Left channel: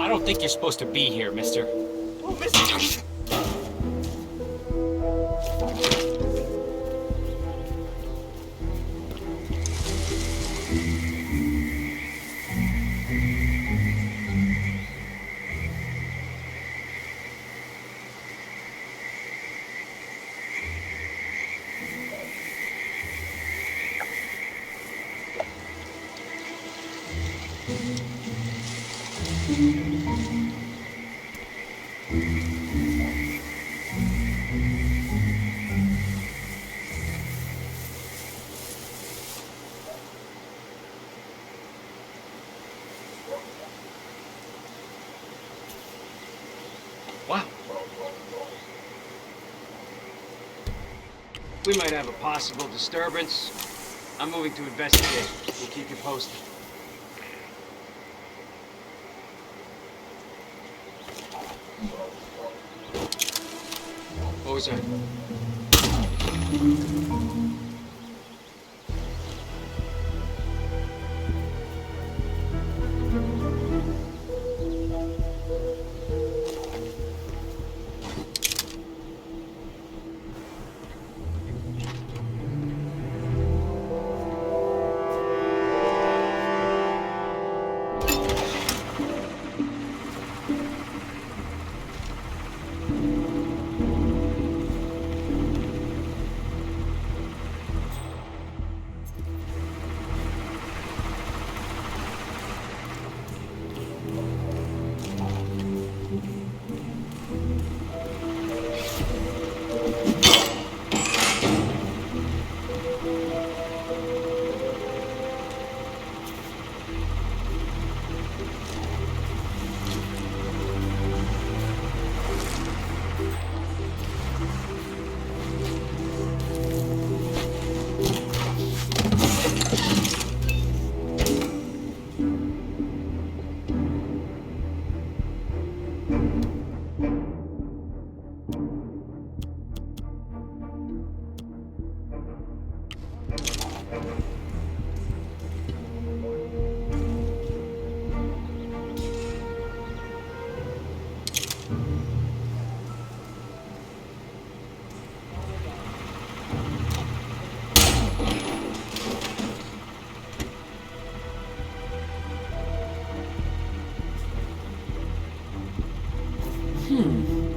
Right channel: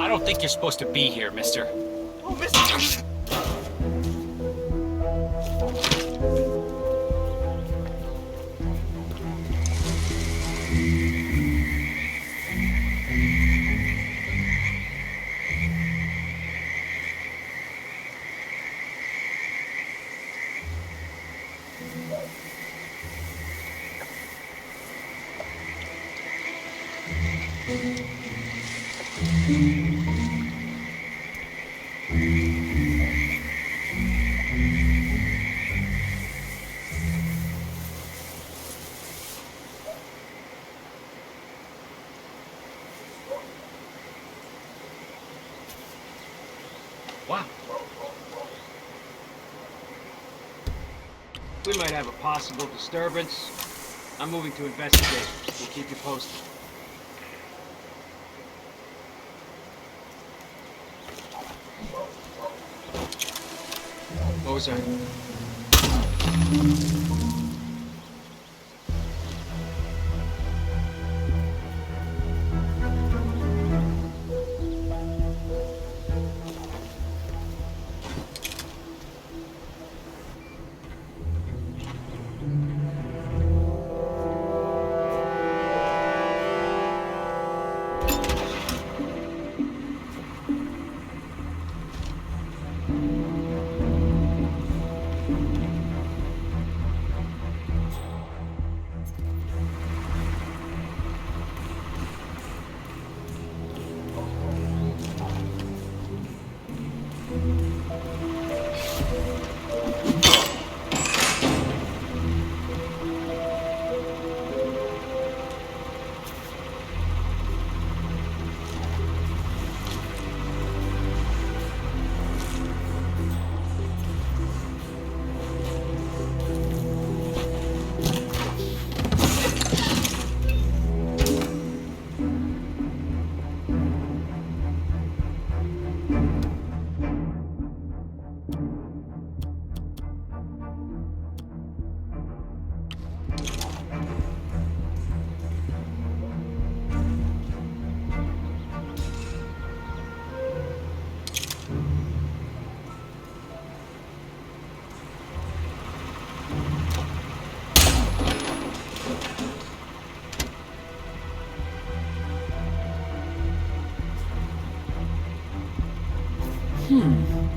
I don't think you're supposed to be here, mister. Oh, mister! Wow. We might have a possible disturbance. I'm moving to investigate. We'll keep you posted. What was that?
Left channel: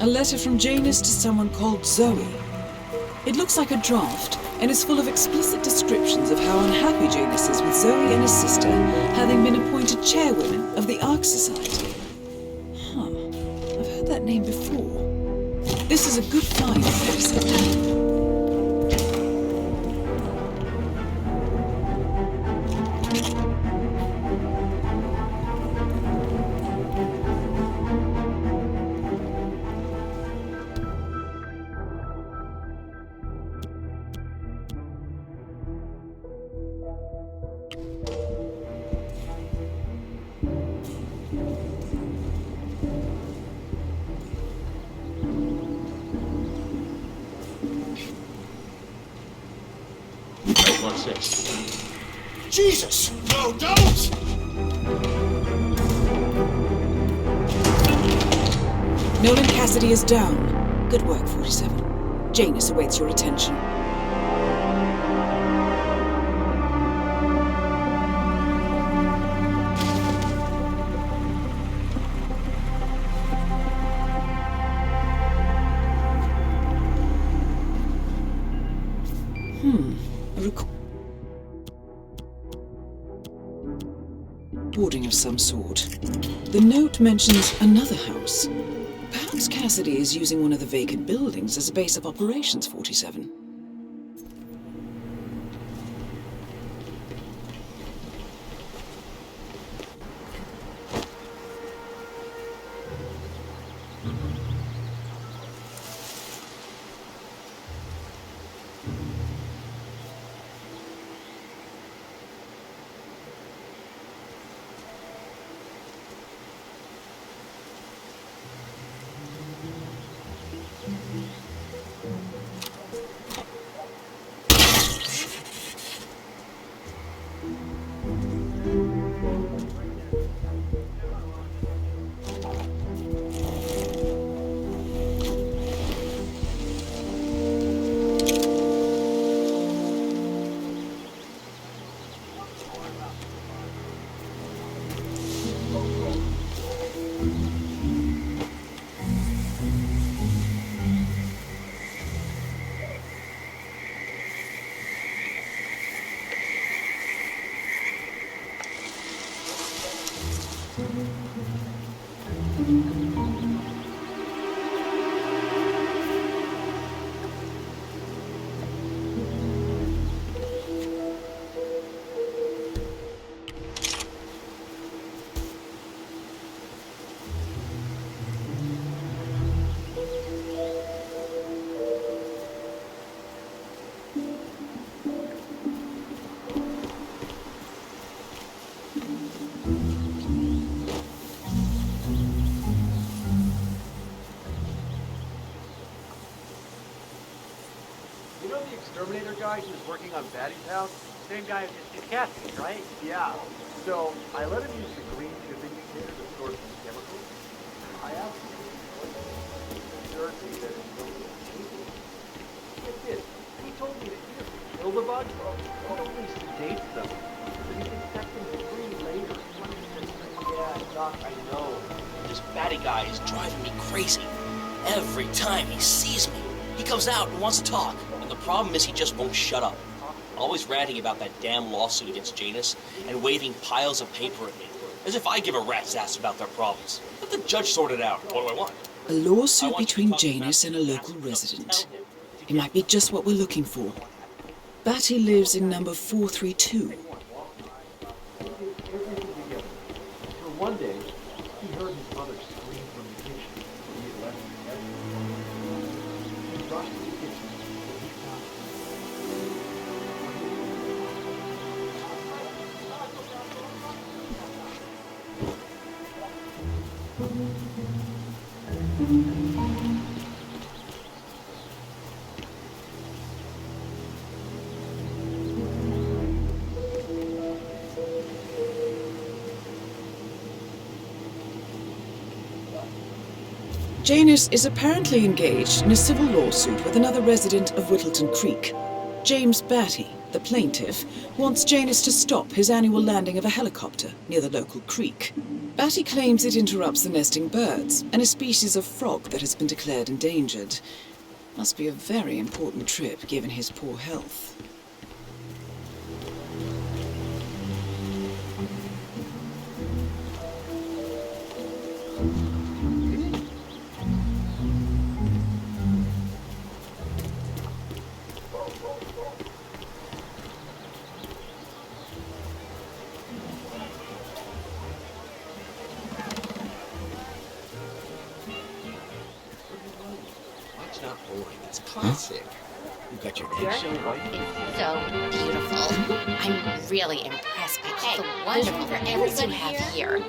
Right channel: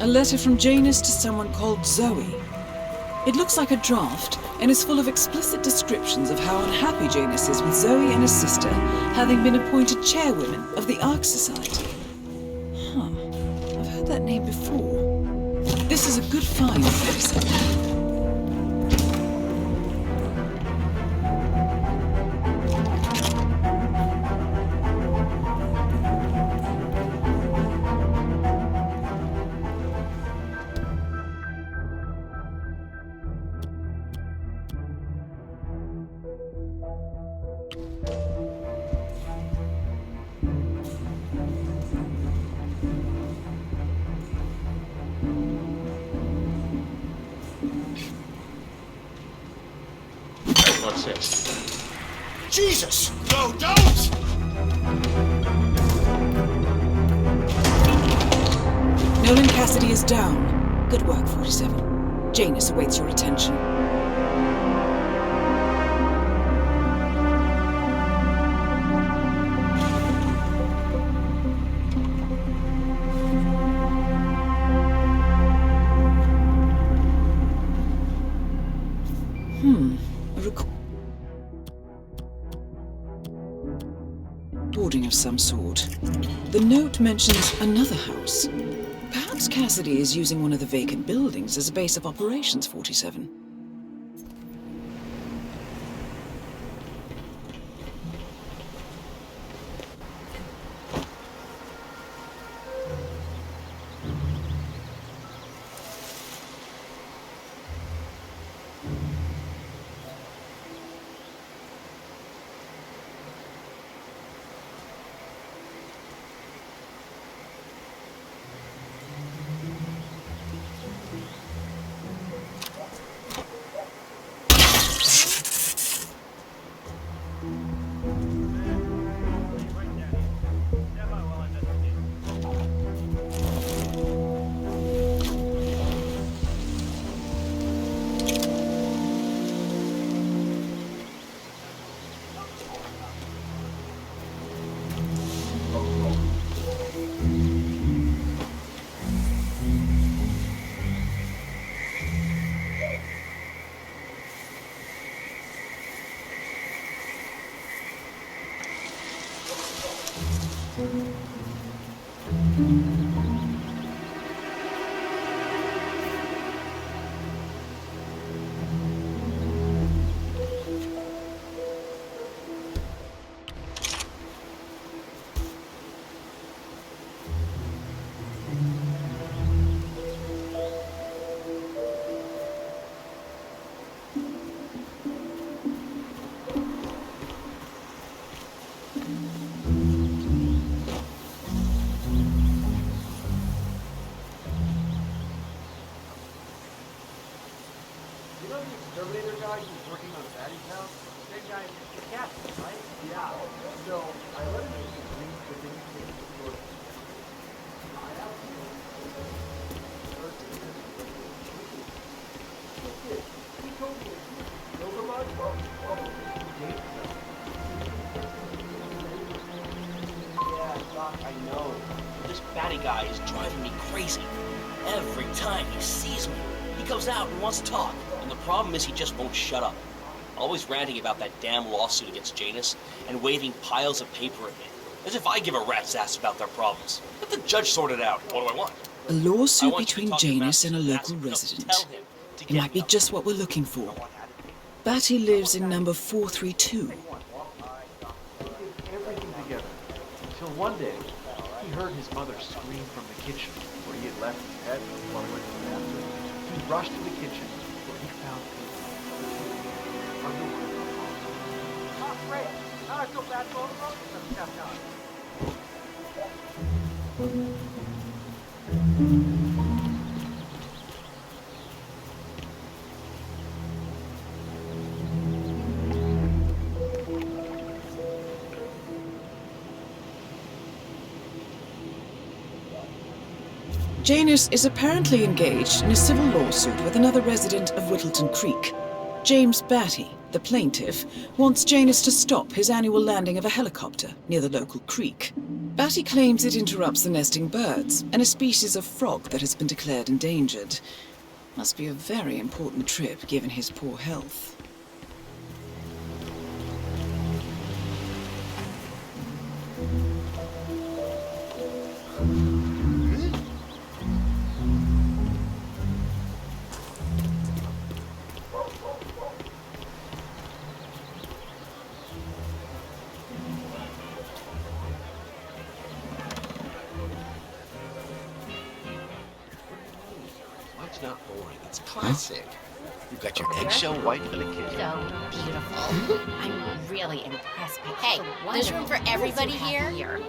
A letter from Janus to someone called Zoe. It looks like a draft and is full of explicit descriptions of how unhappy Janus is with Zoe and his sister having been appointed chairwomen of the Ark Society. I've heard that name before. This is a good find, Edison. What's this? Jesus! No, don't! Nolan Cassidy is down. Good work, 47. Janus awaits your attention. Recording of some sort. The note mentions another house. Perhaps Cassidy is using one of the vacant buildings as a base of operations, 47. You know the exterminator guy who was working on Batty's house? Same guy as Mr. Cassie, right? Yeah. So I let him use the green shipping container to store some chemicals. I asked him. He told me that he killed a bunch, probably some dates though. Yeah, Doc, I know. This Batty guy is driving me crazy. Every time he sees me, he comes out and wants to talk. And the problem is he just won't shut up. Always ranting about that damn lawsuit against Janus and waving piles of paper at me. As if I give a rat's ass about their problems. Let the judge sort it out. What do I want? A lawsuit between Janus and a local resident. It might be just what we're looking for. Batty lives in number 432. He did everything together. Until one day, he heard his mother scream from the kitchen where he had left his head while he went to the bathroom. He rushed to the kitchen where he found Janus is apparently engaged in a civil lawsuit with another resident of Whittleton Creek. James Batty, the plaintiff, wants Janus to stop his annual landing of a helicopter near the local creek. Batty claims it interrupts the nesting birds and a species of frog that has been declared endangered. Must be a very important trip given his poor health. It's not boring. It's classic. You've got your eggshell white. So beautiful. I'm really impressed by Hey, there's room for everybody here.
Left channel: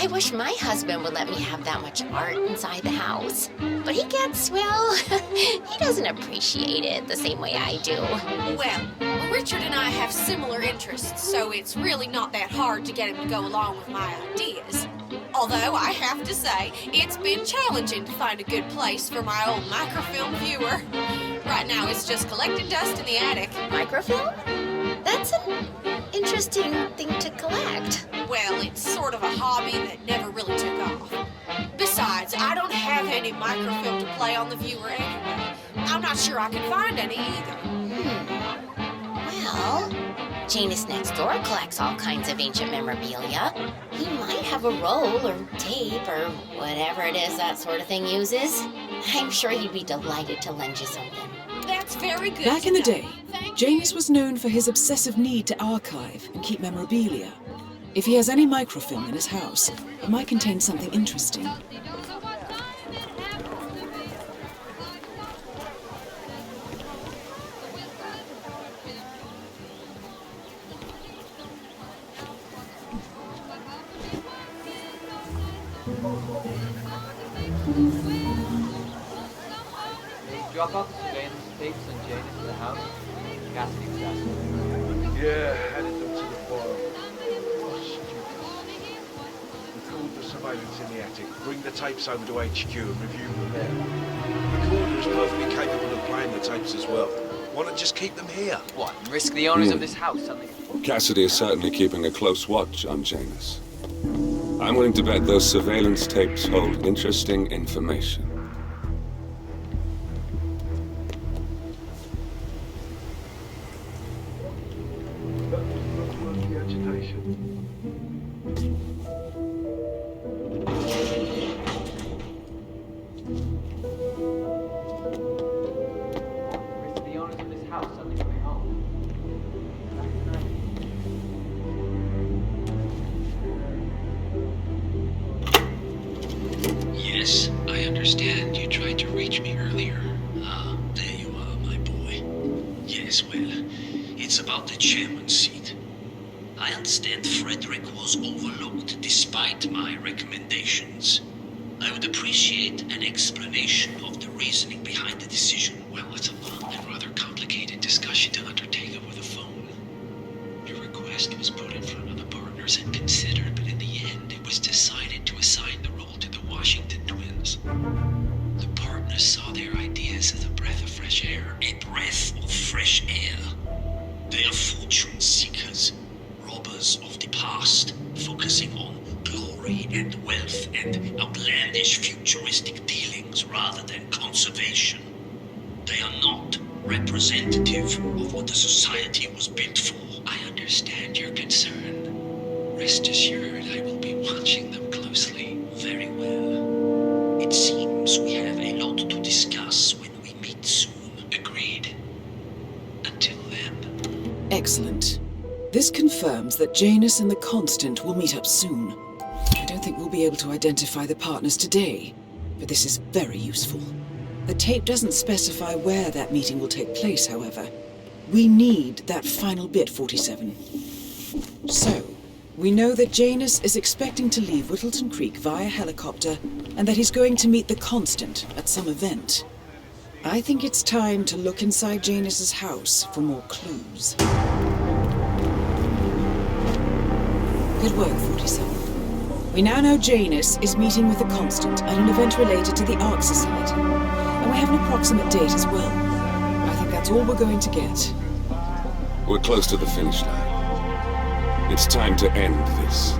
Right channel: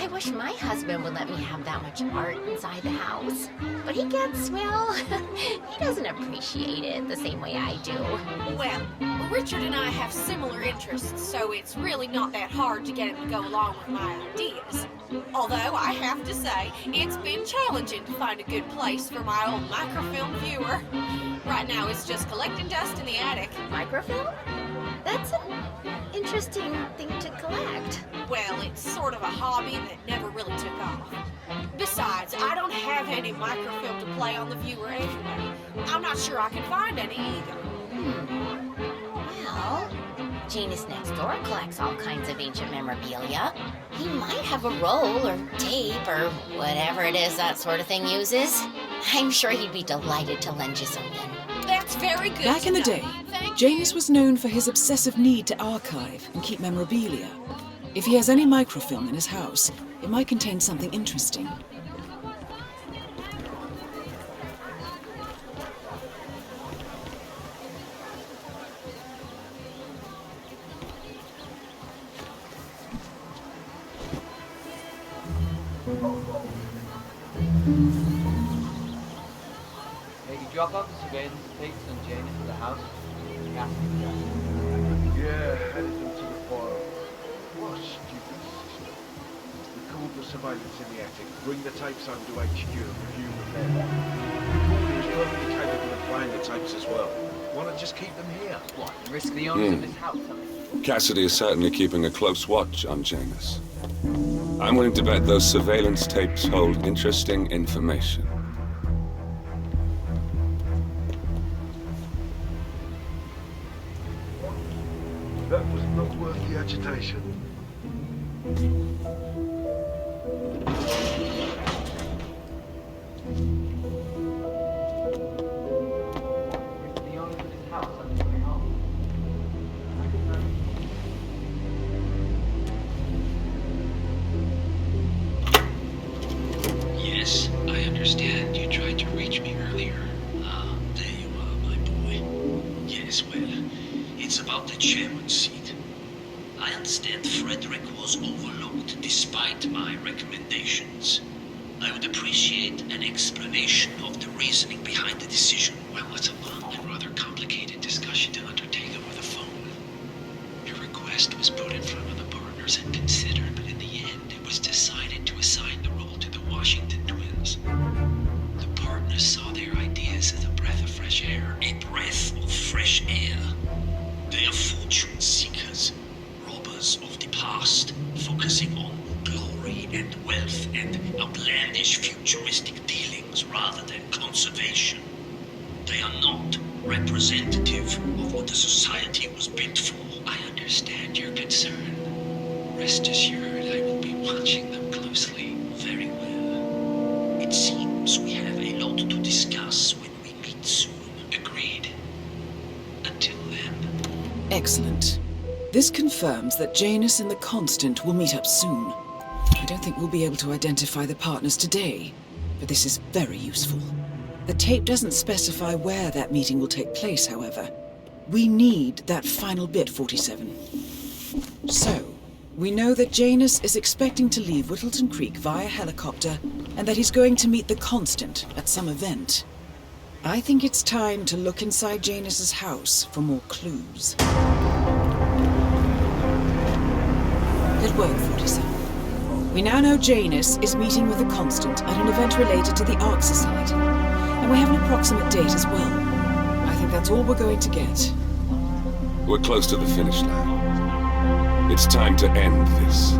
I wish my husband would let me have that much art inside the house. But he gets, well, he doesn't appreciate it the same way I do. Well, Richard and I have similar interests, so it's really not that hard to get him to go along with my ideas. Although, I have to say, it's been challenging to find a good place for my old microfilm viewer. Right now, it's just collecting dust in the attic. Microfilm? That's an interesting thing to collect. Well, it's sort of a hobby that never really took off. Besides, I don't have any microfilm to play on the viewer anyway. I'm not sure I can find any either. Well, Janus next door collects all kinds of ancient memorabilia. He might have a roll or tape or whatever it is that sort of thing uses. I'm sure he'd be delighted to lend you something. That's very good. Back in the to know. day, Thank Janus you. was known for his obsessive need to archive and keep memorabilia. If he has any microfilm in his house, it might contain something interesting. Hey, you drop off the surveillance tapes on Janus at the house? Cassidy was asking. Yeah, added them to the file. What a stupid system. Record the surveillance in the attic, bring the tapes over to HQ and review them there. Recorder was perfectly capable of playing the tapes as well. Why not just keep them here? What, and risk the owners of this house something? Cassidy is certainly keeping a close watch on Janus. I'm willing to bet those surveillance tapes hold interesting information. That was not worth the agitation. Risk the owners of this house something coming home. Yes, I understand you tried to reach me earlier. Ah, there you are, my boy. Yes, well, it's about the chairman's seat. I understand Frederick was overlooked despite my recommendations. I would appreciate an explanation of the reasoning behind the decision. Well, it's a long and rather complicated discussion to undertake over the phone. Your request was put in front of the partners and considered, but in the end, it was decided to assign the role to the Washington twins. The partners saw their ideas as a breath of fresh air. A breath of fresh air. They are fortune seekers, robbers of the past, focusing on glory and wealth and outlandish futuristic dealings rather than conservation. They are not representative of what the society was built for. I understand your concern. Rest assured, I will be watching them closely. Very well. It seems we have a lot to discuss when we meet soon. Agreed. Until then. Excellent. This confirms that Janus and the Constant will meet up soon. I don't think we'll be able to identify the partners today, but this is very useful. The tape doesn't specify where that meeting will take place, however. We need that final bit, 47. So, we know that Janus is expecting to leave Whittleton Creek via helicopter, and that he's going to meet the Constant at some event. I think it's time to look inside Janus's house for more clues. Good work, 47. We now know Janus is meeting with the Constant at an event related to the Ark Society, and we have an approximate date as well. I think that's all we're going to get. We're close to the finish line. It's time to end this.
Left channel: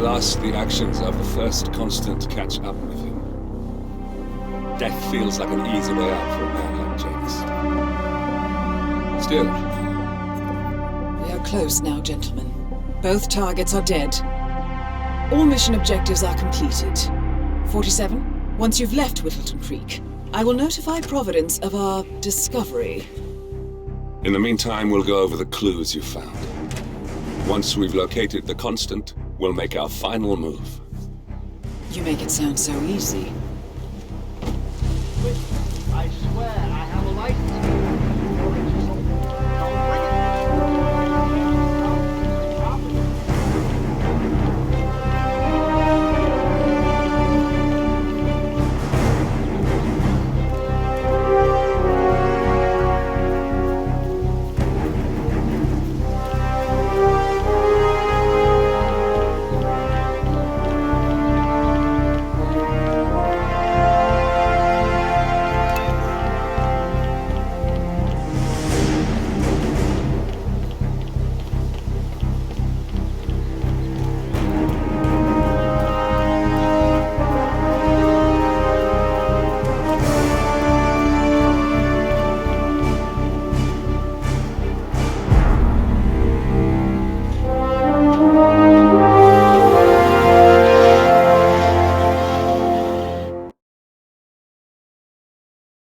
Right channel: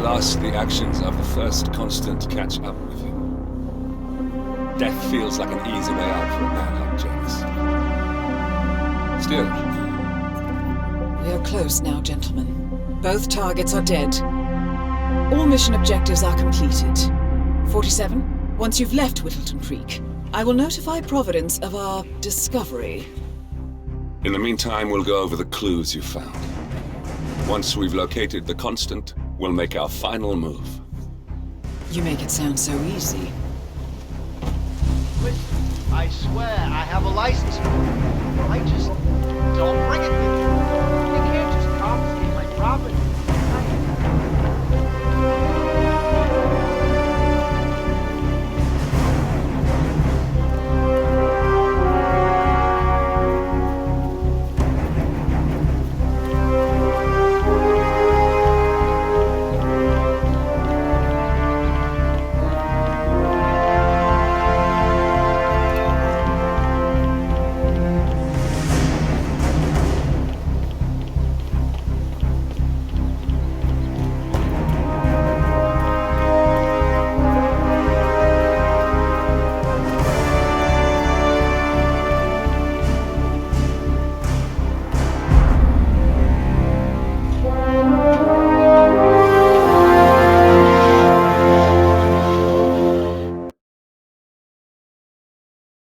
At last, the actions of the first constant catch up with him. Death feels like an easy way out for a man like Janus. Still, We are close now, gentlemen. Both targets are dead. All mission objectives are completed. 47, once you've left Whittleton Creek, I will notify Providence of our discovery. in the meantime, we'll go over the clues you found. Once we've located the constant, we'll make our final move. You make it sound so easy. I swear I have a license.